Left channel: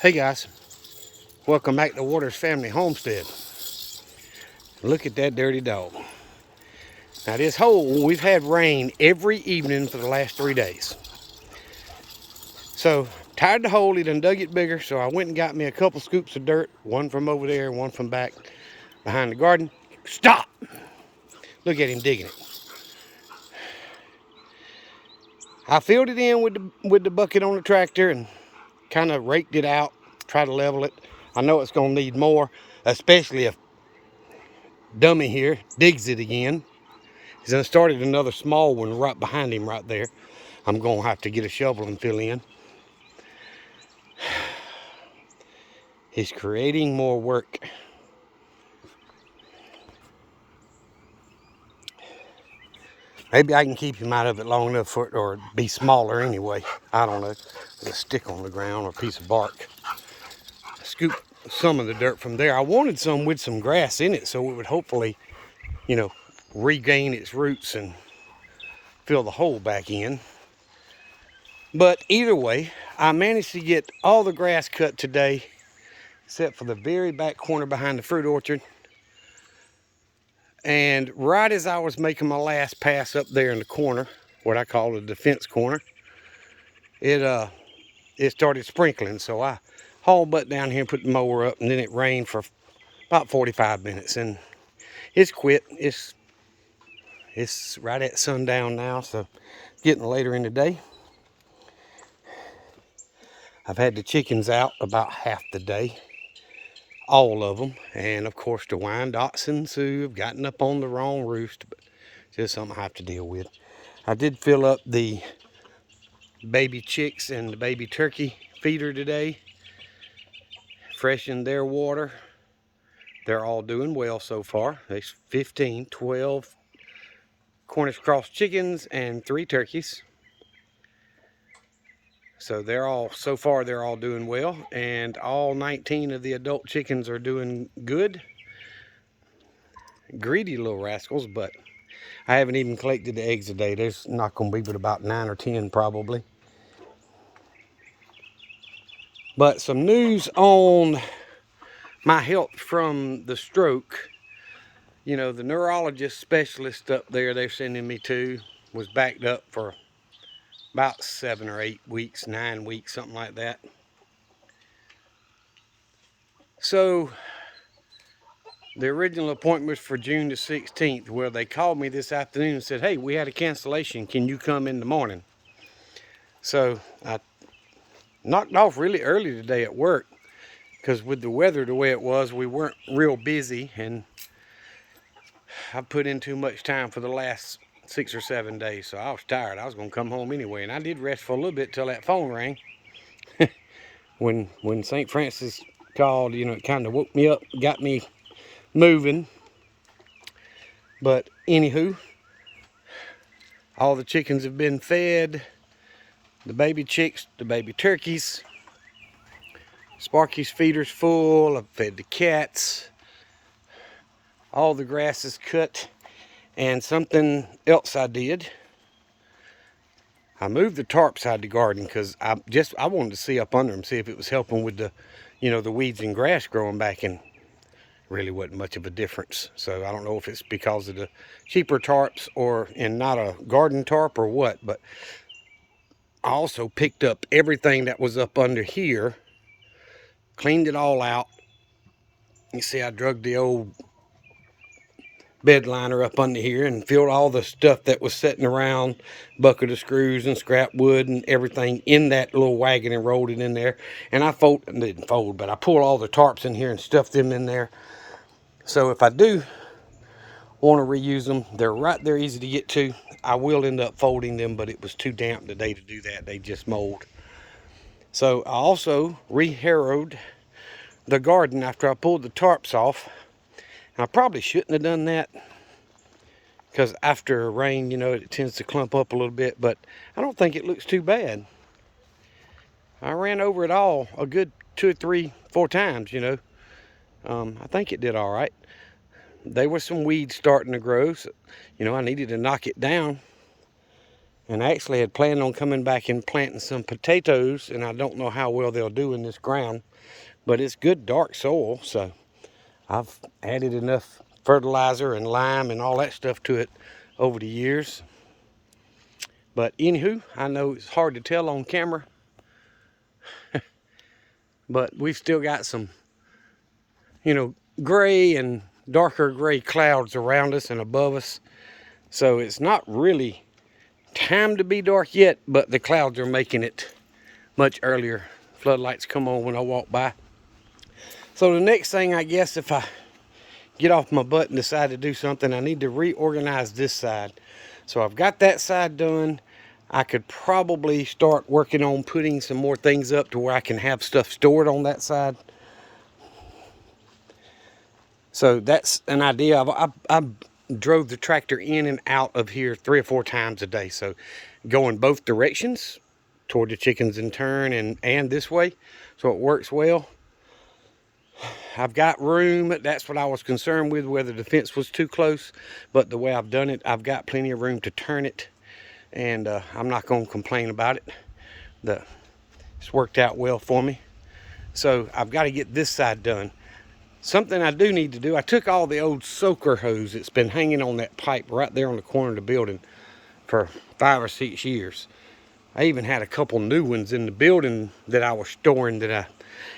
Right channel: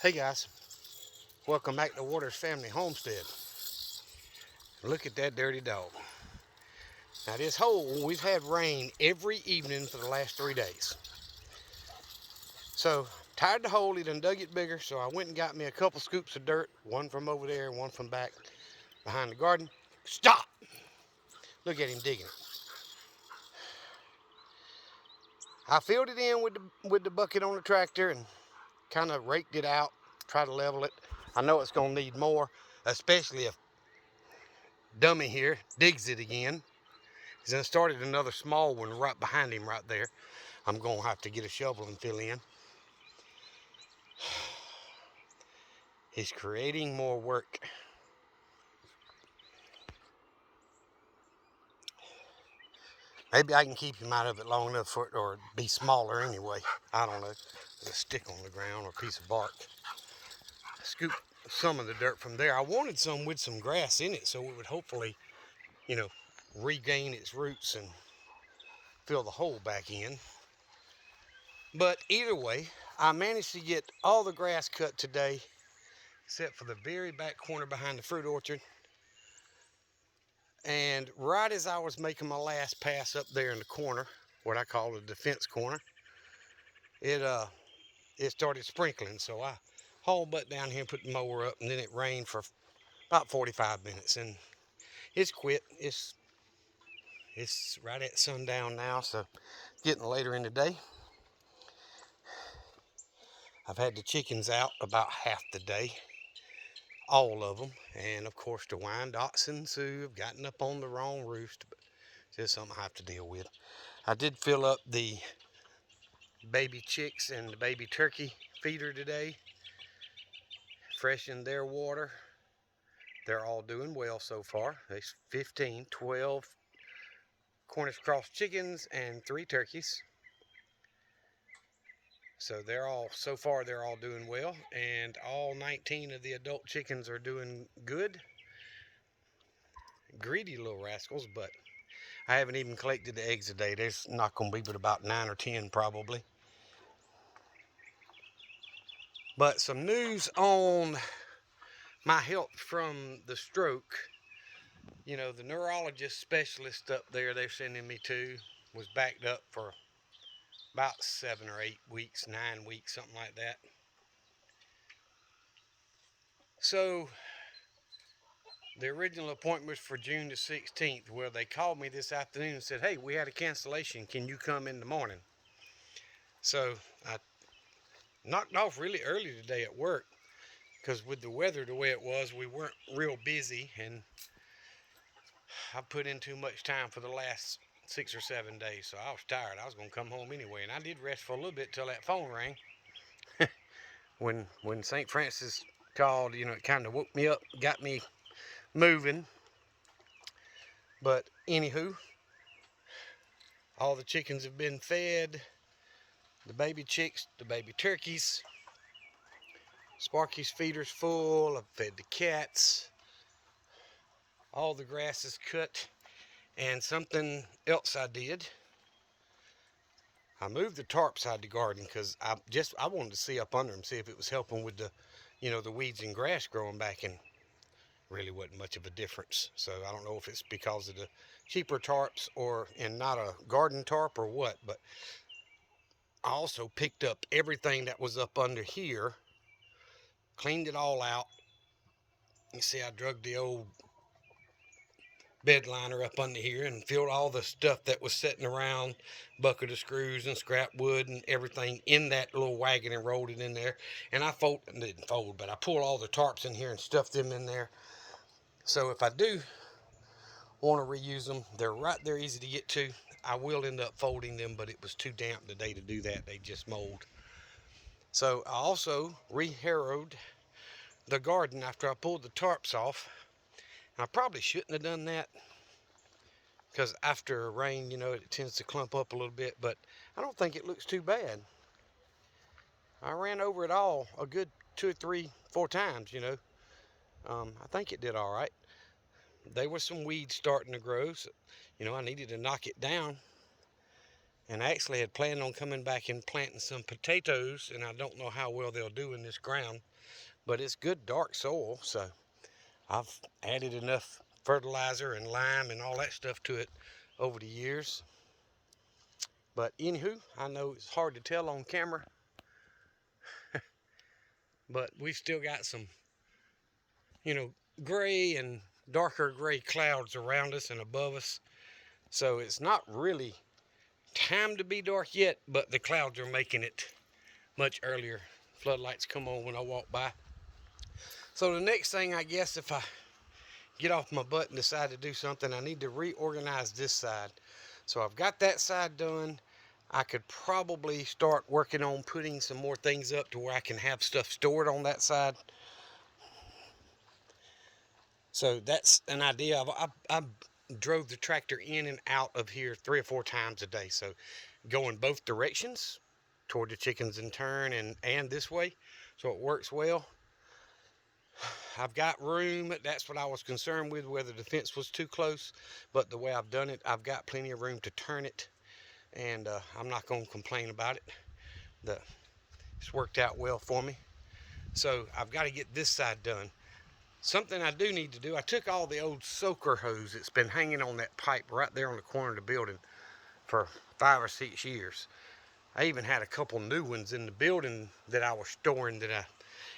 Hey guys, welcome back to Waters Family Homestead. Look at that dirty dog. Now this hole, we've had rain every evening for the last 3 days. So, tired the hole, he done dug it bigger, so I went and got me a couple scoops of dirt, one from over there, one from back behind the garden. Stop! Look at him digging it. I filled it in with the bucket on the tractor and kind of raked it out, try to level it. I know it's gonna need more, especially if Dummy here digs it again. He's done started another small one right behind him right there. I'm gonna have to get a shovel and fill in. He's creating more work. Maybe I can keep him out of it long enough for it, or be smaller anyway. I don't know. There's a stick on the ground or a piece of bark. Scoop some of the dirt from there. I wanted some with some grass in it so it would hopefully, regain its roots and fill the hole back in. But either way, I managed to get all the grass cut today, except for the very back corner behind the fruit orchard. And right as I was making my last pass up there in the corner, what I call the defense corner, it started sprinkling. So I hauled butt down here and put the mower up, and then it rained for about 45 minutes, and it's quit. It's right at sundown now, so it's getting later in the day. I've had the chickens out about half the day, all of them, and of course the Wyandottes and Sioux have gotten up on the wrong roost, but just something I have to deal with. I did fill up the baby chicks and the baby turkey feeder today, freshened their water. They're all doing well so far. There's 12 Cornish cross chickens and 3 turkeys. So so far they're all doing well, and all 19 of the adult chickens are doing good. Greedy little rascals, but I haven't even collected the eggs today. There's not going to be but about 9 or 10 probably. But some news on my health from the stroke. The neurologist specialist up there they're sending me to was backed up for about 7 or 8 weeks, 9 weeks, something like that. So the original appointment was for June the 16th. Well, they called me this afternoon and said, hey, we had a cancellation. Can you come in the morning? So I knocked off really early today at work, because with the weather the way it was, we weren't real busy, and I put in too much time for the last 6 or 7 days, so I was tired. I was going to come home anyway, and I did rest for a little bit till that phone rang. when St. Francis called, it kind of woke me up, got me moving. But anywho, all the chickens have been fed, the baby chicks, the baby turkeys. Sparky's feeder's full. I've fed the cats. All the grass is cut. And something else I did, I moved the tarp side the garden because I wanted to see up under them, see if it was helping with the weeds and grass growing back, and really wasn't much of a difference. So I don't know if it's because of the cheaper tarps and not a garden tarp or what, but I also picked up everything that was up under here, cleaned it all out. You see I drug the old bed liner up under here and filled all the stuff that was sitting around, bucket of screws and scrap wood and everything, in that little wagon, and rolled it in there. And I didn't fold, but I pulled all the tarps in here and stuffed them in there. So if I do want to reuse them, they're right there, easy to get to. I will end up folding them, but it was too damp today to do that. They just mold. So I also re-harrowed the garden after I pulled the tarps off. And I probably shouldn't have done that, because after rain, it tends to clump up a little bit, but I don't think it looks too bad. I ran over it all a good 2 or 3, 4 times, I think it did all right. There were some weeds starting to grow, so, I needed to knock it down. And I actually had planned on coming back and planting some potatoes, and I don't know how well they'll do in this ground, but it's good dark soil, so I've added enough fertilizer and lime and all that stuff to it over the years. But anywho, I know it's hard to tell on camera, but we've still got some, gray and darker gray clouds around us and above us. So it's not really time to be dark yet, but the clouds are making it much earlier. Floodlights come on when I walk by. So the next thing, I guess, if I get off my butt and decide to do something, I need to reorganize this side. So I've got that side done. I could probably start working on putting some more things up to where I can have stuff stored on that side. So that's an idea. I drove the tractor in and out of here 3 or 4 times a day. So going both directions toward the chickens in turn and this way. So it works well. I've got room. That's what I was concerned with, whether the fence was too close. But the way I've done it, I've got plenty of room to turn it. And I'm not going to complain about it. It's worked out well for me. So I've got to get this side done. Something I do need to do, I took all the old soaker hose that's been hanging on that pipe right there on the corner of the building for 5 or 6 years. I even had a couple new ones in the building that I was storing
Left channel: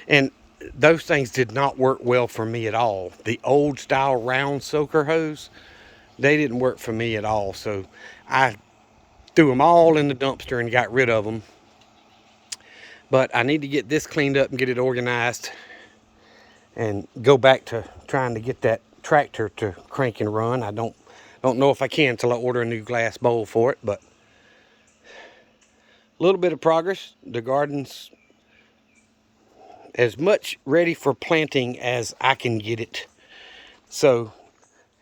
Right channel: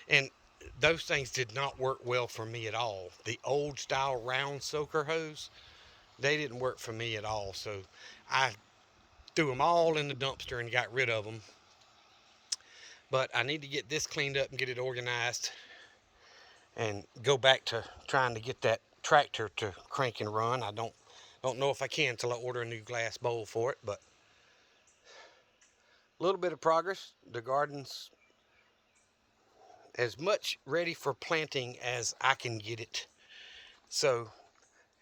and those things did not work well for me at all. The old style round soaker hose, they didn't work for me at all. So I threw them all in the dumpster and got rid of them. But I need to get this cleaned up and get it organized and go back to trying to get that tractor to crank and run. I don't know if I can until I order a new glass bowl for it, but a little bit of progress. The garden's as much ready for planting as I can get it. So,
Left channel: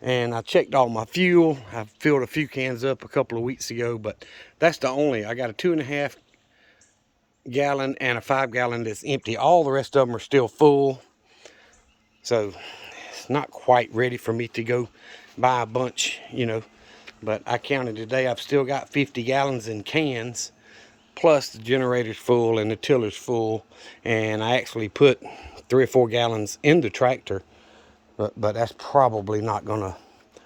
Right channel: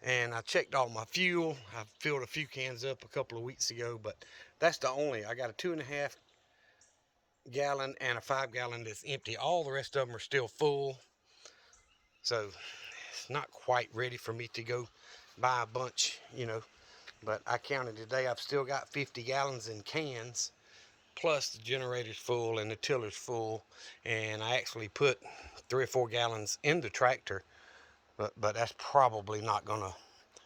and I checked all my fuel. I filled a few cans up a couple of weeks ago, but that's the only. I got a 2.5 gallon and a 5 gallon that's empty. All the rest of them are still full. So it's not quite ready for me to go buy a bunch, But I counted today, I've still got 50 gallons in cans, plus the generator's full and the tiller's full. And I actually put 3 or 4 gallons in the tractor, but that's probably not gonna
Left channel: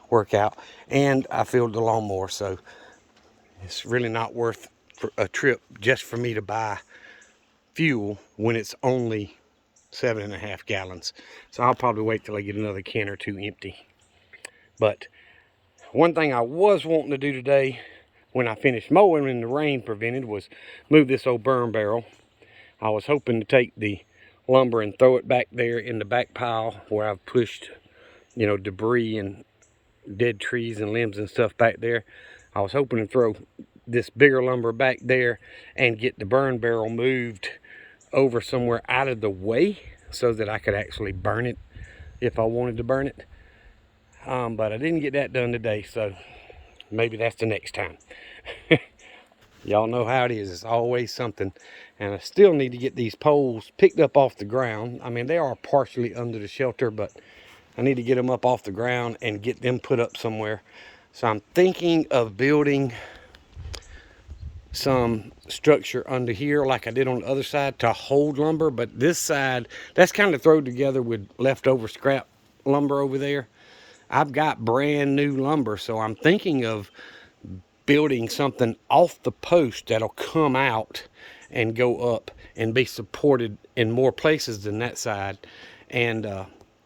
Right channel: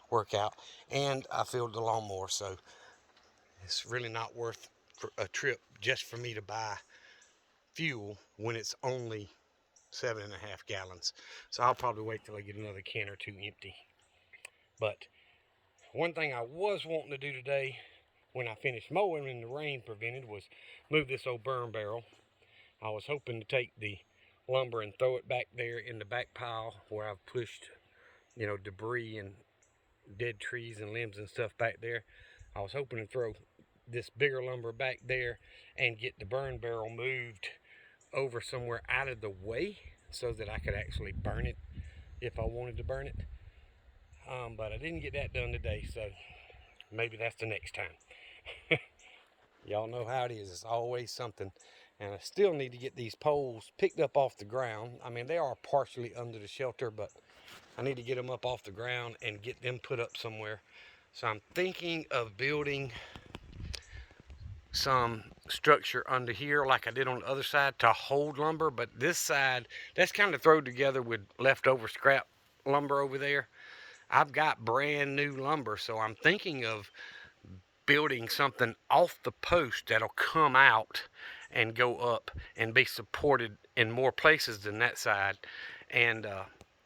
work out. And I filled the lawnmower, so it's really not worth a trip just for me to buy fuel when it's only 7.5 gallons. So I'll probably wait till I get another can or 2 empty. But one thing I was wanting to do today when I finished mowing and the rain prevented was move this old burn barrel. I was hoping to take the lumber and throw it back there in the back pile where I've pushed, debris and dead trees and limbs and stuff back there. I was hoping to throw this bigger lumber back there and get the burn barrel moved over somewhere out of the way so that I could actually burn it if I wanted to burn it. But I didn't get that done today, so maybe that's the next time. Y'all know how it is. It's always something. And I still need to get these poles picked up off the ground. I mean, they are partially under the shelter, but I need to get them up off the ground and get them put up somewhere. So I'm thinking of building some structure under here like I did on the other side to hold lumber, but this side, that's kind of thrown together with leftover scrap lumber over there. I've got brand new lumber, so I'm thinking of building something off the post that'll come out and go up and be supported in more places than that side, and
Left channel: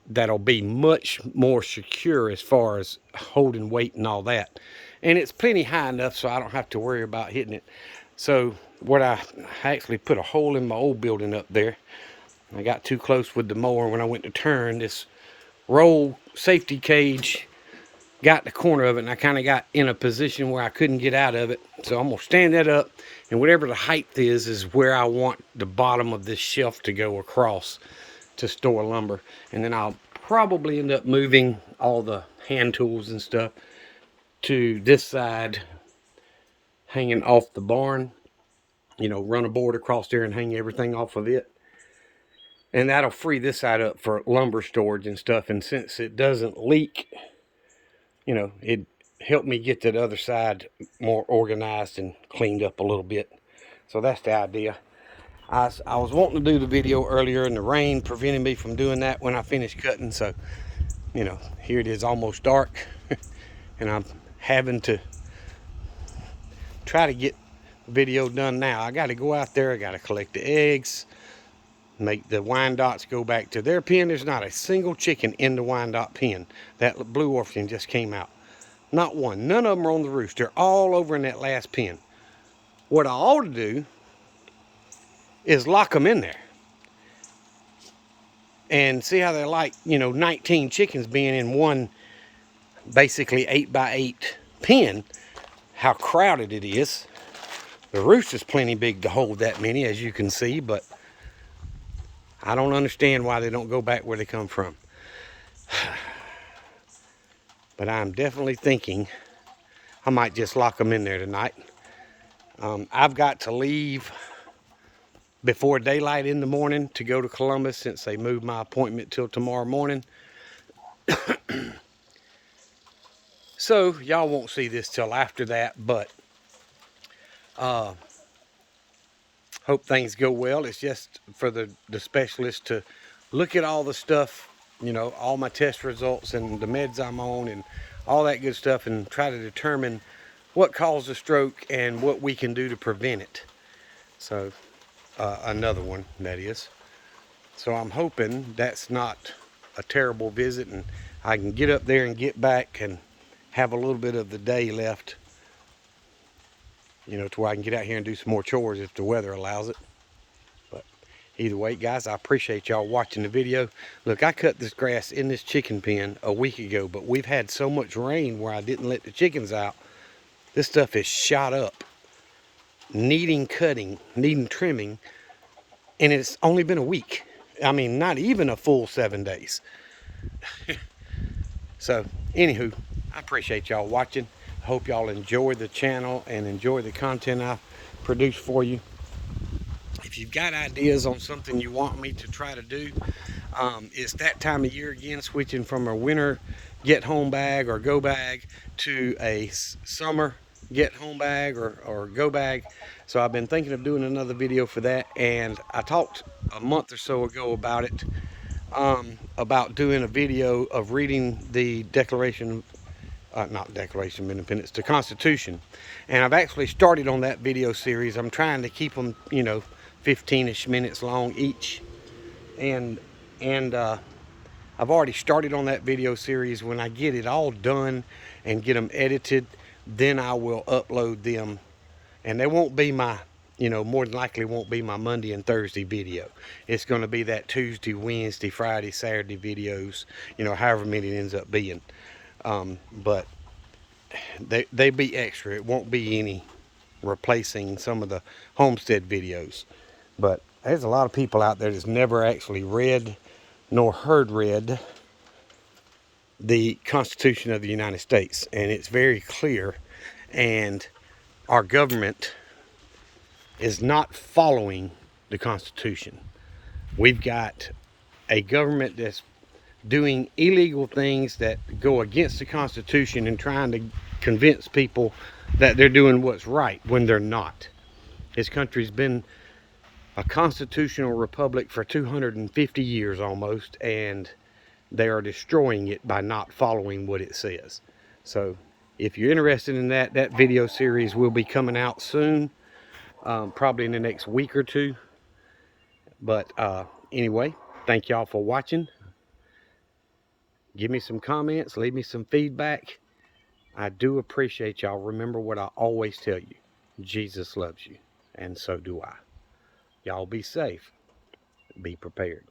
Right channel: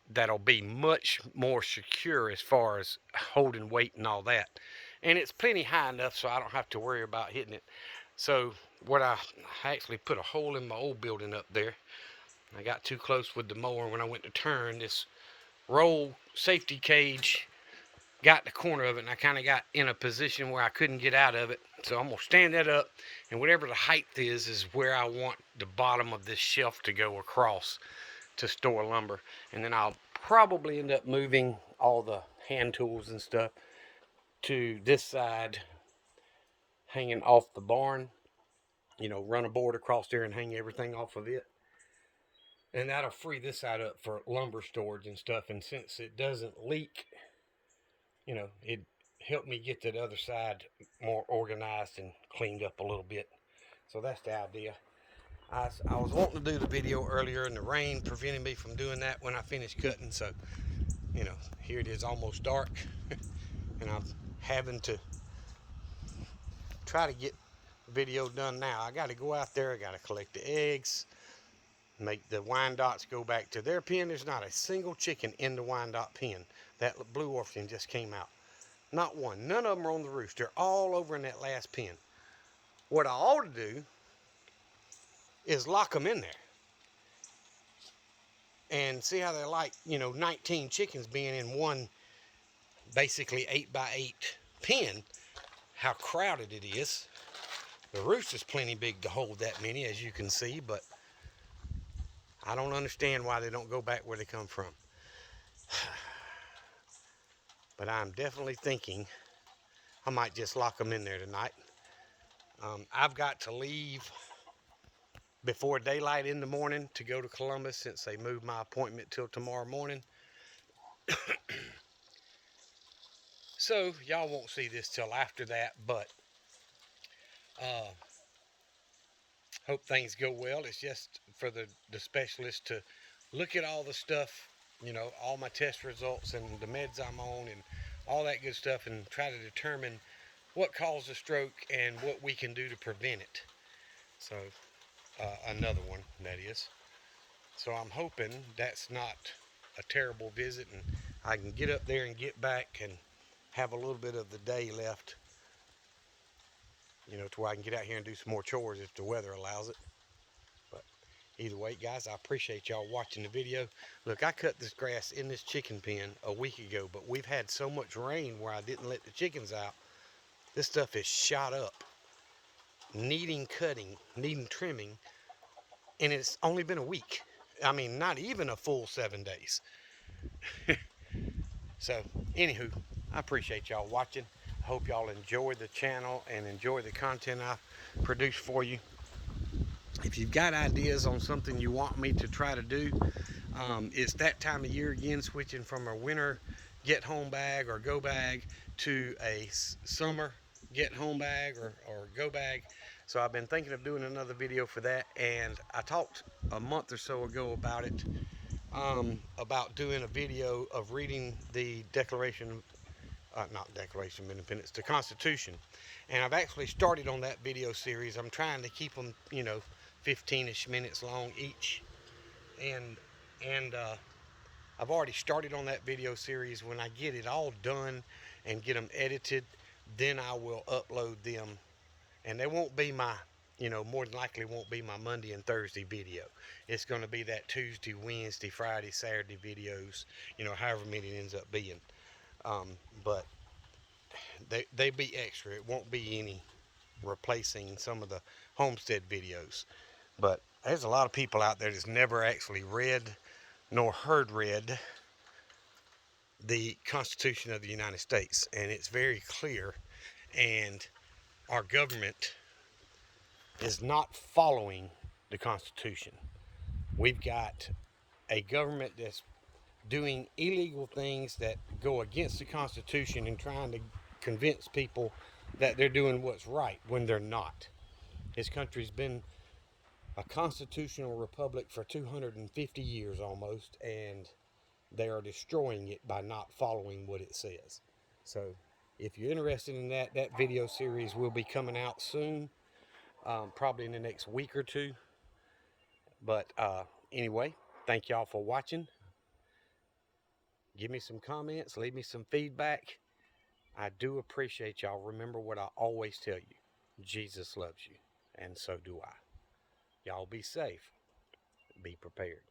that'll be much more secure as far as holding weight and all that. And it's plenty high enough so I don't have to worry about hitting it. So what I actually put a hole in my old building up there. I got too close with the mower when I went to turn. This roll safety cage got the corner of it, and I kind of got in a position where I couldn't get out of it. So I'm gonna stand that up, and whatever the height is where I want the bottom of this shelf to go across to store lumber. And then I'll probably end up moving all the hand tools and stuff to this side, hanging off the barn, run a board across there and hang everything off of it. And that'll free this side up for lumber storage and stuff. And since it doesn't leak, it help me get that other side more organized and cleaned up a little bit. So that's the idea. I was wanting to do the video earlier, and the rain prevented me from doing that when I finished cutting. So, you know, here it is, almost dark, and I'm having to try to get the video done now. I got to go out there. I got to collect the eggs, make the Wyandottes go back to their pen. There's not a single chicken in the Wyandotte pen. That blue Orpington just came out. Not one. None of them are on the roost. They're all over in that last pen. What I ought to do is lock them in there and see how they're like, you know, 19 chickens being in one basically 8x8 pen, how crowded it is. The roost is plenty big to hold that many, as you can see, but I don't understand why they don't go back where they come from. But I'm definitely thinking I might just lock them in there tonight. I've got to leave before daylight in the morning to go to Columbus, since they moved my appointment till tomorrow morning. So y'all won't see this till after that, but hope things go well. It's just for the specialist to look at all the stuff, you know, all my test results and the meds I'm on and all that good stuff, and try to determine what caused the stroke and what we can do to prevent it. So another one, that is. So I'm hoping that's not a terrible visit, and I can get up there and get back and have a little bit of the day left, you know, to where I can get out here and do some more chores if the weather allows it. But either way, guys, I appreciate y'all watching the video. Look, I cut this grass in this chicken pen a week ago, but we've had so much rain where I didn't let the chickens out. This stuff is shot up, needing cutting, needing trimming, and it's only been a week. I mean, not even a full 7 days. So, anywho, I appreciate y'all watching. Hope y'all enjoy the channel and enjoy the content I produce for you. If you've got ideas on something you want me to try to do, it's that time of year again, switching from a winter get home bag or go bag to a summer get home bag or go bag. So I've been thinking of doing another video for that, and I talked a month or so ago about it, about doing a video of reading the Declaration, not Declaration of Independence, the Constitution. And I've actually started on that video series. I'm trying to keep them, you know, 15-ish minutes long each. And I've already started on that video series. When I get it all done and get them edited, then I will upload them. And they won't be my, you know, more than likely won't be my Monday and Thursday video. It's going to be that Tuesday, Wednesday, Friday, Saturday videos, you know, however many it ends up being. But they be extra. It won't be any replacing some of the homestead videos. But there's a lot of people out there that's never actually read nor heard read the Constitution of the United States. And it's very clear, and our government is not following the Constitution. We've got a government that's doing illegal things that go against the Constitution and trying to convince people that they're doing what's right when they're not. This country's been a constitutional republic for 250 years almost, and they are destroying it by not following what it says. So if you're interested in that, that video series will be coming out soon, probably in the next week or two. But anyway, thank y'all for watching. Give me some comments, leave me some feedback. I do appreciate y'all. Remember what I always tell you: Jesus loves you, and so do I. Y'all be safe, be prepared.